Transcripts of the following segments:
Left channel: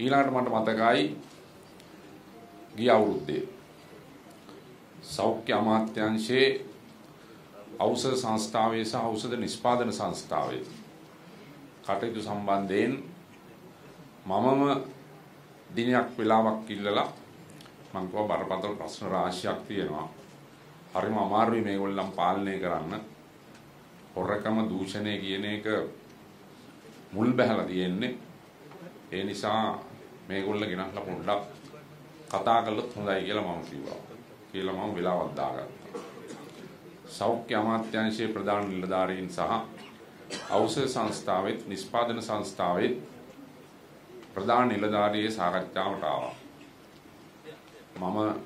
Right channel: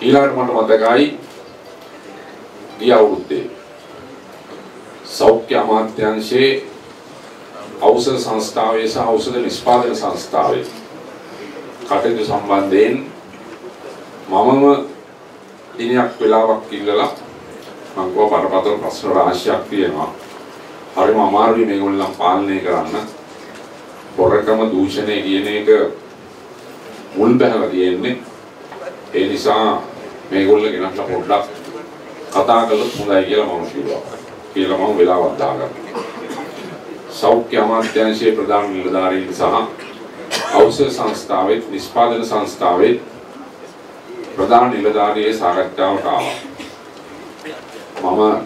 ඊළඟට මට මතකයි ගිය අවුරුද්දේ සෞඛ්‍ය අමාත්‍යාංශයේ ඖෂධ සංස්ථාවේ සහ ඖෂධ නිෂ්පාදන සංස්ථාවේ කටයුතු සම්බන්ධයෙන් මමම දිනයක් වෙලාවක් ඉල්ලලා මම කව බරපතල ප්‍රශ්න රාශියක් තියෙනවා. හරිම අමාරුයි මේගොල්ලන් පාලනය කරන්න. පොරකම දූෂණය කියන එක මුල් බැහැලා තියෙන්නේ. ඒ නිසා මේගොල්ලෝ ගෙනත්ලා පොඩ්ඩක් කතා කළොත් හොඳයි කියලා මම කිව්වා. කියලා මම වෙලාවක් දාගත්තා. සෞඛ්‍ය අමාත්‍යාංශයේ ප්‍රධාන නිලධාරීන් සහ ඖෂධ සංස්ථාවේ නිෂ්පාදන සංස්ථාවේ ප්‍රධාන නිලධාරියේ සාකච්ඡාවට ආවා. මම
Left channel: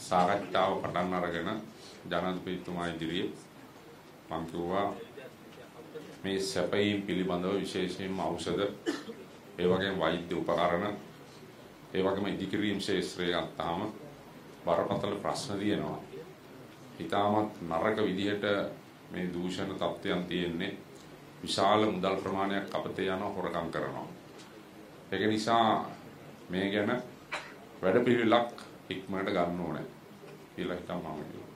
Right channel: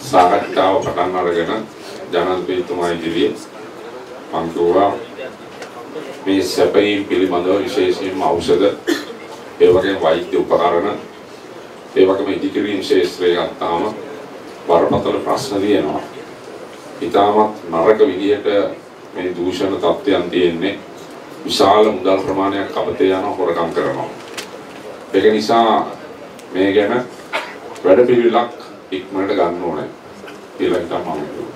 සාකච්ඡාව පටන් අරගෙන ජනාධිපතිතුමා ඉදිරියේ මම කිව්වා මේ සැපයීම් පිළිබඳව විශේෂයෙන්ම ඖෂධ ඒ වගේම වෛද්‍ය උපකරණ ඒ වගේම ඉදිකිරීම් ශාස්ත්‍රය ගත්තාම බරපතල ප්‍රශ්න තියෙනවා. ඊටමත් නරක විදිහට මේ දූෂණ තත්ත්වයන් තියෙන්නේ විශාල මුදල් ප්‍රමාණයක් අපතේ යන හොරකම් කරනවා. ඒක නිසා මේ ගැන වැඩපිළිවෙලක් ඉක්මනට ගන්න ඕනේ කියලා තමයි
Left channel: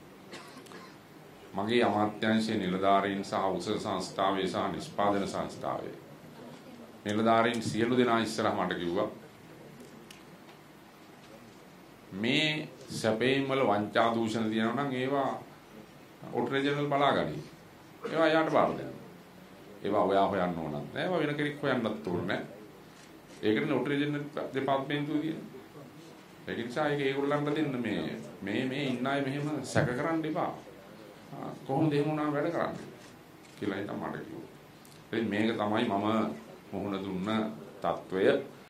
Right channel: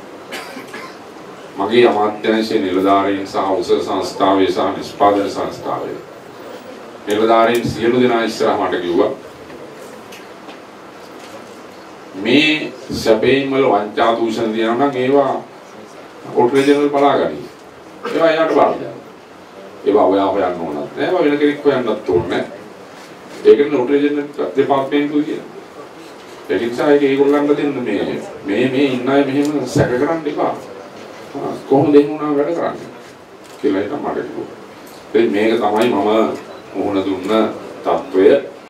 මගේ අමාත්‍යාංශයේ නිලධාරීන් සහ ඖෂධ සංස්ථාවේ සහ නිෂ්පාදන සංස්ථාවේ නිලධාරීන් සියලු දෙනා ඉස්සරහ මට කිව්වා මේ සැපේන් වල වංචා දූෂණ දිනන නම් ඒවා කොට්‍රේජනල් බලාගනි. ඒවා යාට බලන්න. ඒවා ඔයා හොයන්න ඕනත් නෑ. ඒවා වෙන කෙනෙක් හොයන්නත් ඕනේ. ඒකනේ කොට්‍රේජනල් දෙපාර්තමේන්තුව කියන්නේ. ඒ නිසා ඒගොල්ලන්ට දෙන්න මේ ඉන්න අය මෙහෙම සැක කරන්න එපා. කොහොමද එන්නුනා වැඩ කරන්නේ කියලා තමයි කිව්වා. මේක තමයි මම මොහොන දුන්න